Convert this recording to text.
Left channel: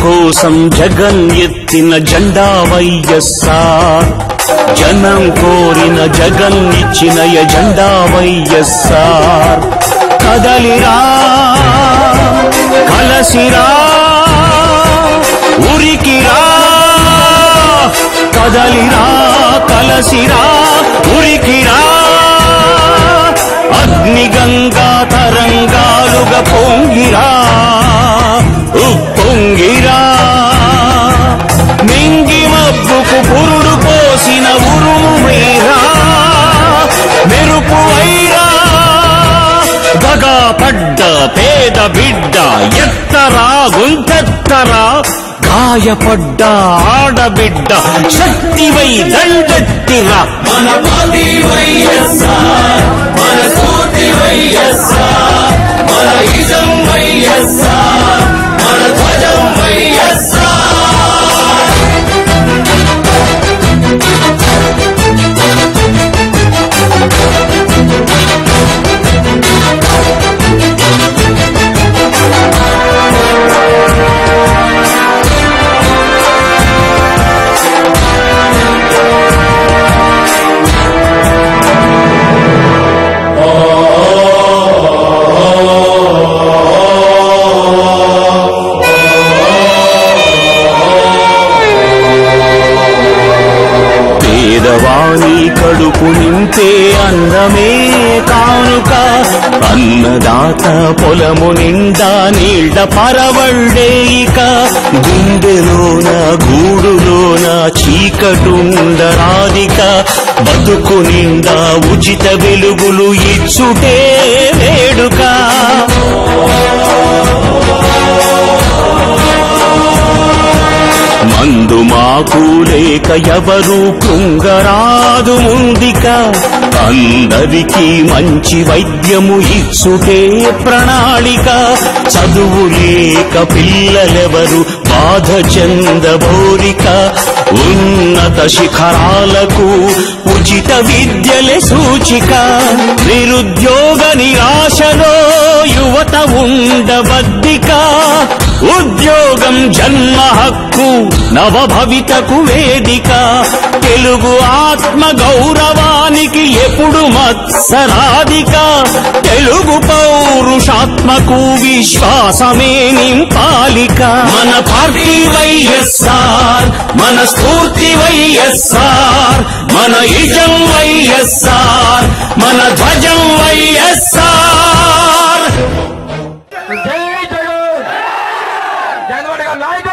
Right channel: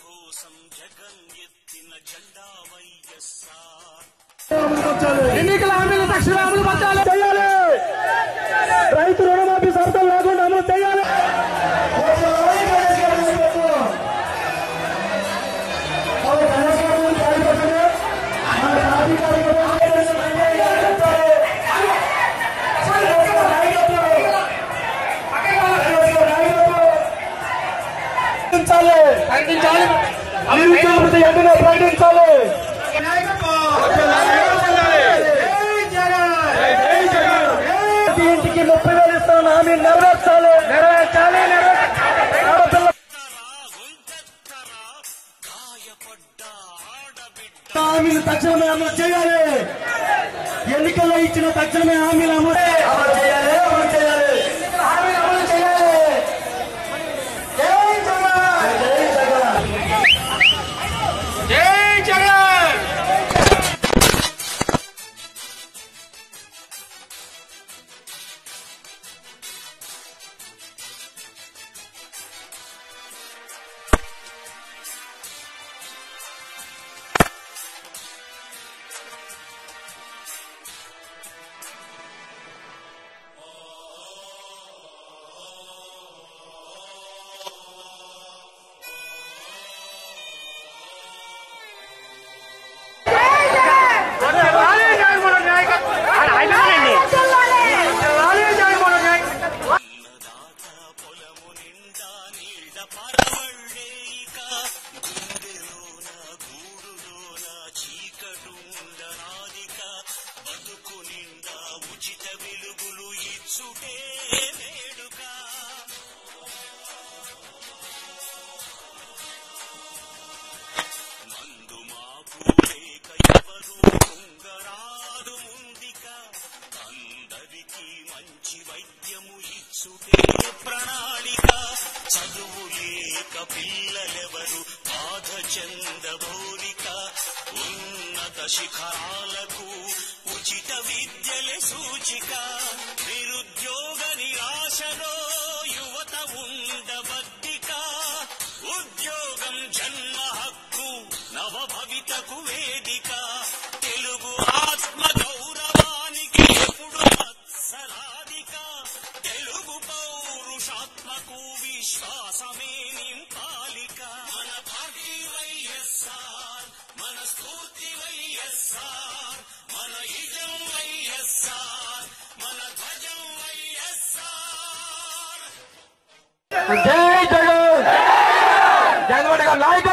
కోసం జగన్ ఎత్తిన జెండా వైఎస్ఆర్, జనం కోరిన జగన్ ఇచ్చిన ఎజెండా వైఎస్ఆర్. కదలిరా కలసిరా ఉరికిరా, కదలిరా కలసిరా ఉరికిరా, అగ్నిగంగా తరంగాలుగా పొంగిరా ఉప్పొంగిరా, మింగి మబ్బుకు పురుడు పోసిన ఉరుమేరా మెరుపు వైరా, దగా పడ్డ పేద బిడ్డ ఎత్తరా గుంతెత్తరా, గాయపడ్డ ఆడబిడ్డ శక్తివై దండెత్తిరా. మన పార్టీ వైఎస్ఆర్, మన స్ఫూర్తి వైఎస్ఆర్, మన ఇజం వైఎస్ఆర్, మన ధ్వజం వైఎస్ఆర్. అన్నమే కానుక, అన్నదాత పొలము నిండా నీళ్ల పరవళ్ళేయిక, గుండెలోన గూడులోన చీకటుండరాదిక, బతుకు నిండా ఉచిత వెలుగులు ఇచ్చుటే వేడుక. మందు మాకు లేక ఎవరు కృంగరాదు ముందిక, అందరికీ మంచి వైద్యము ఇచ్చుటే ప్రణాళిక. చదువు లేక పిల్లలెవరు బాధ చెందబోరిక, ఉన్నత శిఖరాలకు ఉచిత విద్యలే సూచిక. నిరుద్యోగ నిరాశలో యువత ఉండబద్దిక, ఉద్యోగం జన్మ హక్కు నవభవితకు వేదిక. తెలుగు ఆత్మ గౌరవానికి ఎప్పుడు మత్సరాధిక, తెలుగు పౌరుషాత్మకు విశ్వాసమే నింపాలిక. మన పార్టీ వైఎస్ఆర్, మన స్ఫూర్తి వైఎస్ఆర్, మన ఇజం వైఎస్ఆర్, మన ధ్వజం వైఎస్ఆర్. జై జగన్, జగన్ నాయక